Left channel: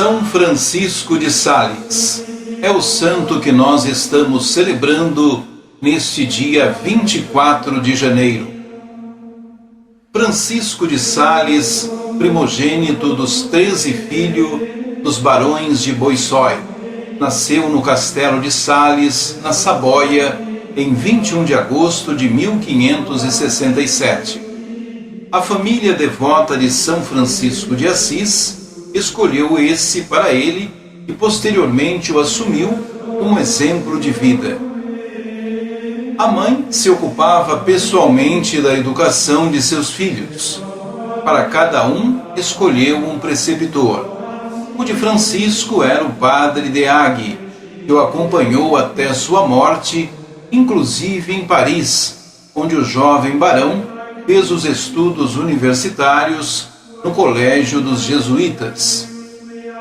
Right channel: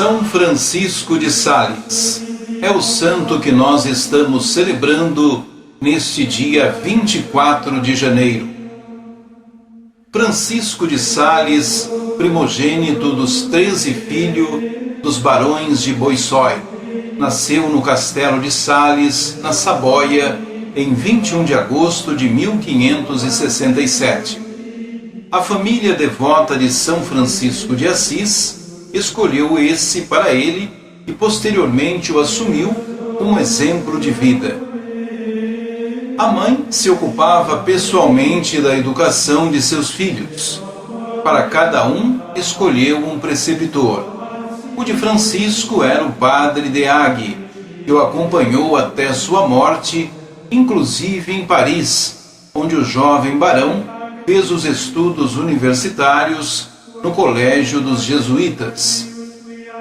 São Francisco de Sales é o santo que nós estamos celebrando neste dia 24 de janeiro. Francisco de Sales, primogênito dos 13 filhos dos barões de Boissói, nasceu no castelo de Sales, na Saboia, em 21 de agosto de 1567. A família devota de São Francisco de Assis escolheu esse para ele e posteriormente o assumiu como exemplo de vida. A mãe se ocupava pessoalmente da educação de seus filhos. Para cada um, escolheu um preceptor. O de Francisco era o padre Deagui, que o acompanhou até sua morte, inclusive em Paris, onde o jovem barão fez os estudos universitários no Colégio dos Jesuítas.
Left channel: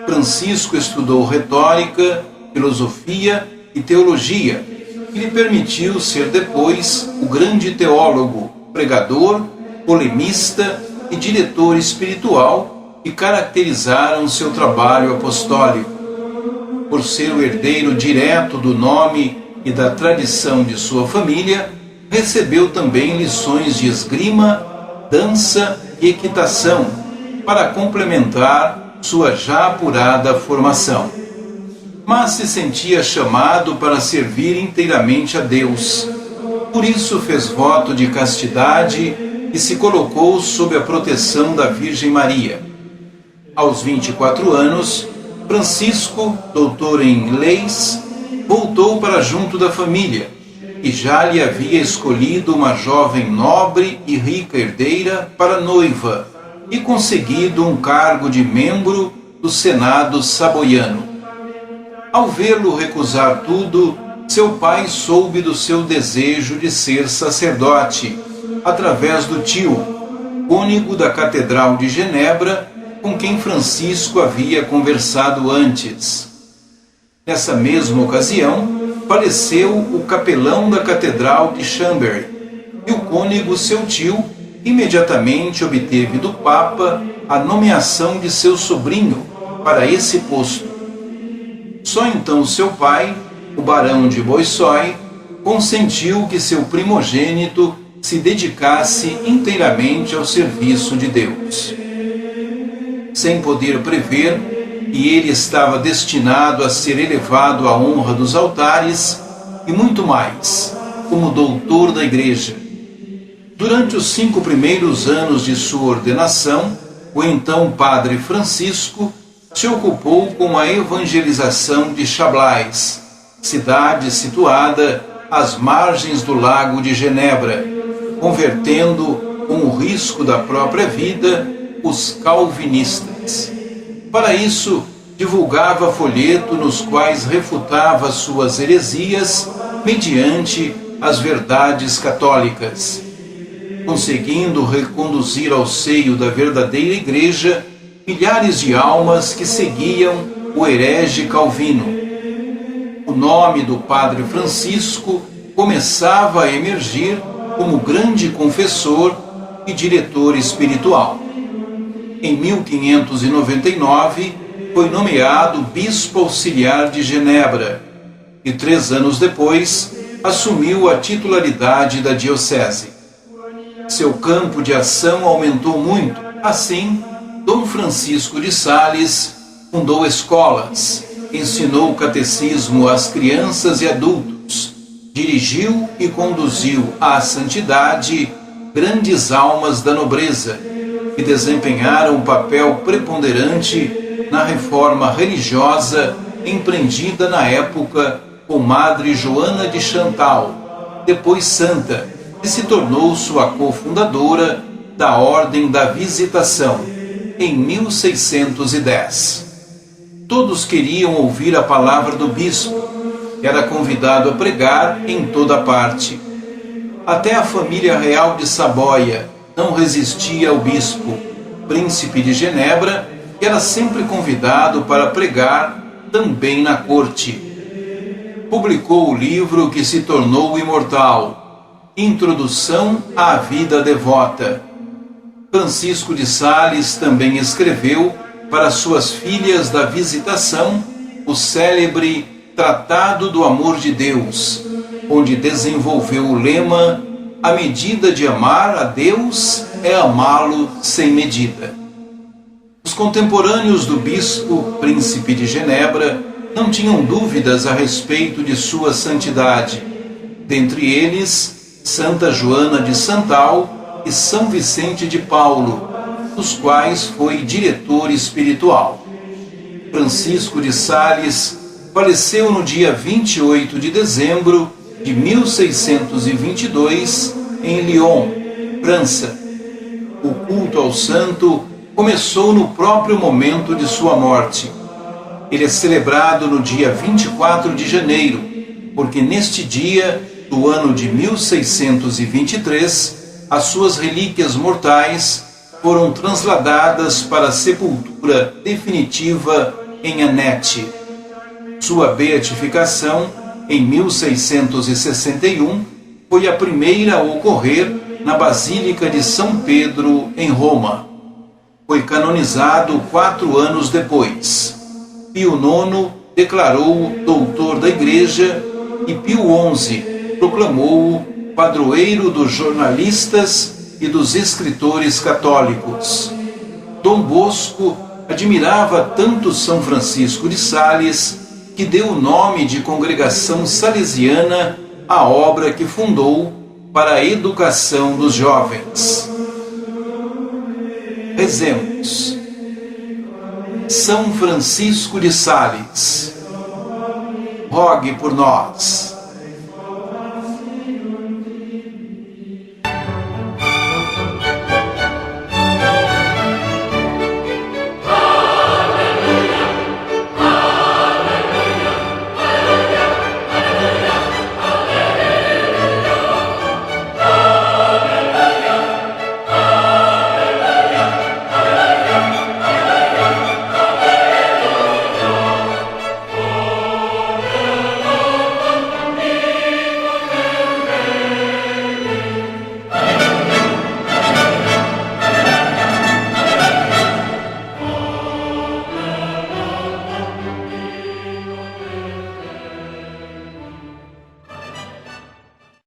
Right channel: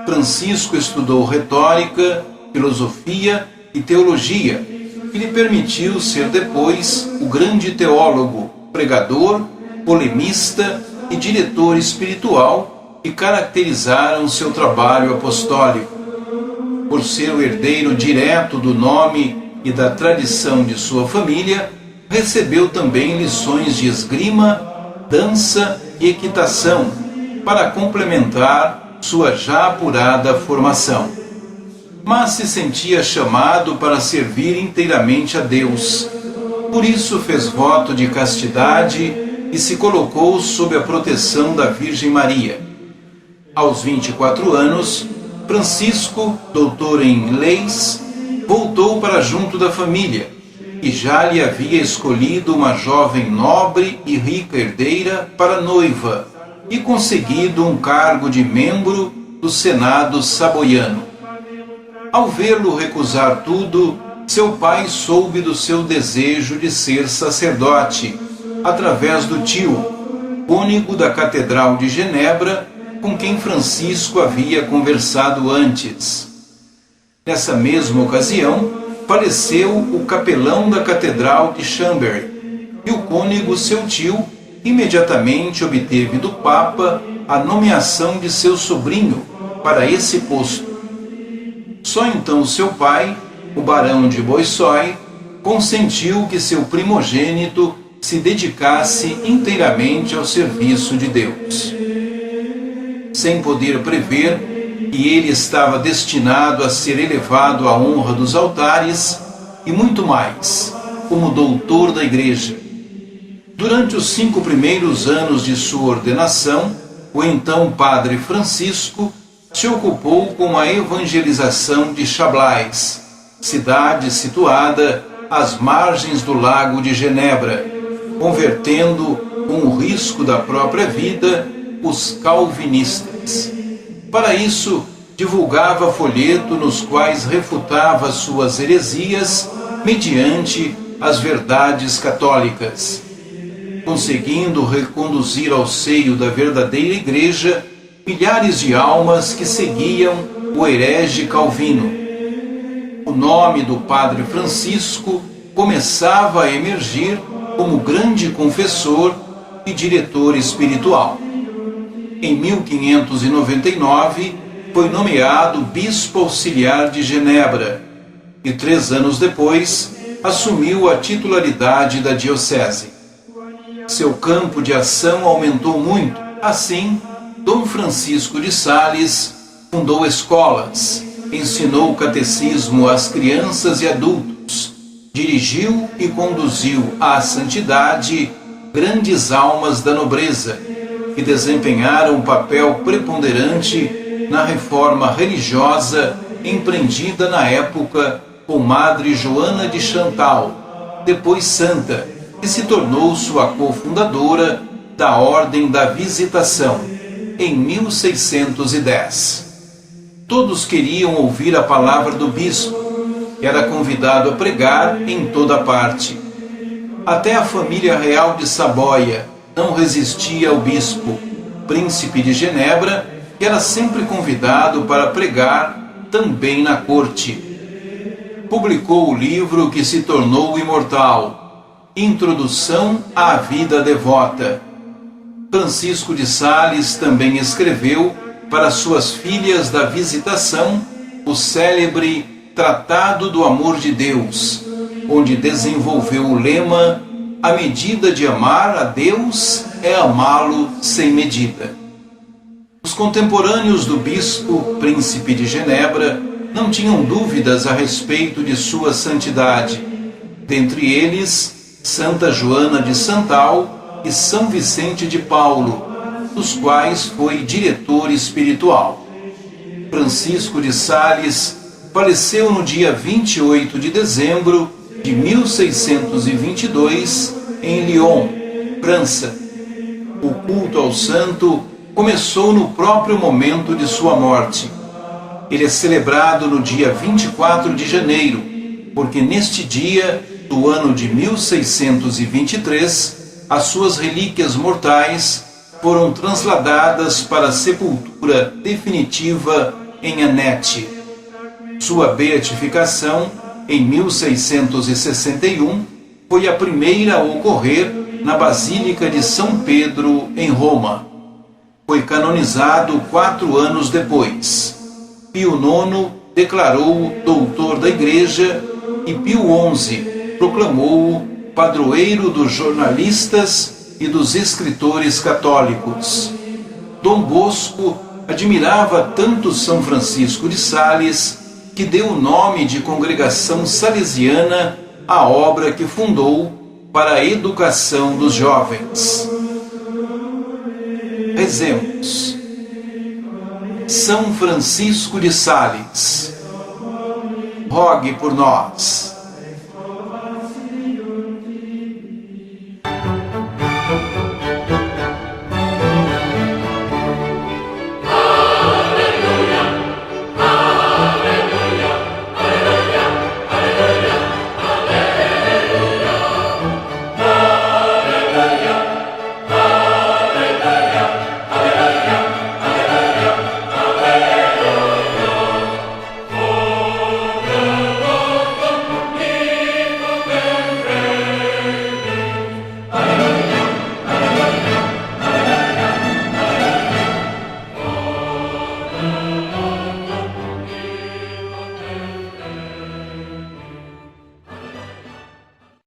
Francisco estudou retórica, filosofia e teologia, que lhe permitiu ser depois o grande teólogo, pregador, polemista e diretor espiritual que caracterizaram seu trabalho apostólico. Por ser o herdeiro direto do nome e da tradição de sua família, recebeu também lições de esgrima, dança e equitação, para complementar sua já apurada formação. Mas se sentia chamado para servir inteiramente a Deus. Por isso fez voto de castidade e se colocou sob a proteção da Virgem Maria. Aos 24 anos, Francisco, doutor em leis, voltou para junto da família, que já lhe havia escolhido uma jovem nobre e rica herdeira para noiva, e conseguido um cargo de membro do Senado saboiano. Ao vê-lo recusar tudo, seu pai soube do seu desejo de ser sacerdote, através do tio, cônego da Catedral de Genebra, com quem Francisco havia conversado antes. Nessa mesma ocasião, faleceu o capelão da Catedral de Chambéry, e o cônego, seu tio, imediatamente obteve do Papa a nomeação de seu sobrinho para esse posto. Só então seu pai, o barão de Boissói, consentiu que seu primogênito se dedicasse inteiramente ao serviço de Deus. Sem poder prever que ele estava destinado a ser elevado à honra dos altares e muito mais, como doutor da Igreja. Durante os 5 primeiros anos de sua ordenação, o então padre Francisco se ocupou com a evangelização de Chablais, cidade situada às margens do lago de Genebra, convertendo, com o risco da própria vida, os calvinistas. Para isso, divulgava folhetos nos quais refutava suas heresias mediante as verdades católicas, conseguindo reconduzir ao seio da verdadeira Igreja milhares de almas que seguiam o herege Calvino. O nome do padre Francisco começava a emergir como grande confessor e diretor espiritual. Em 1599, foi nomeado bispo auxiliar de Genebra e 3 anos depois assumiu a titularidade da diocese. Seu campo de ação aumentou muito. Assim, Dom Francisco de Sales fundou escolas, ensinou o catecismo às crianças e adultos, dirigiu e conduziu à santidade grandes almas da nobreza, que desempenharam um papel preponderante na reforma religiosa empreendida na época por Madre Joana de Chantal, depois santa, que se tornou sua cofundadora da Ordem da Visitação, em 1610. Todos queriam ouvir a palavra do bispo, que era convidado a pregar em toda parte. Até a família real de Saboia não resistia ao bispo, príncipe de Genebra, que era sempre convidado para pregar também na corte. Publicou o livro que se tornou imortal, Introdução à Vida Devota. Francisco de Sales também escreveu para suas filhas da Visitação o célebre Tratado do Amor de Deus, onde desenvolveu o lema: a medida de amar a Deus é amá-lo sem medida. Os contemporâneos do bispo Príncipe de Genebra não tinham dúvidas a respeito de sua santidade, dentre eles Santa Joana de Santal e São Vicente de Paulo, dos quais foi diretor espiritual. Francisco de Sales faleceu no dia 28 de dezembro de 1622 em Lyon, França. O culto ao santo começou no próprio momento de sua morte. Ele é celebrado no dia 24 de janeiro, porque neste dia do ano de 1623, as suas relíquias mortais foram transladadas para a sepultura definitiva em Anete. Sua beatificação, em 1661, foi a primeira a ocorrer na Basílica de São Pedro, em Roma. Foi canonizado 4 anos depois. Pio IX declarou-o doutor da Igreja e Pio XI proclamou-o padroeiro dos jornalistas e dos escritores católicos. Dom Bosco admirava tanto São Francisco de Sales que deu o nome de Congregação Salesiana à obra que fundou para a educação dos jovens. Rezemos. São Francisco de Sales, rogue por nós.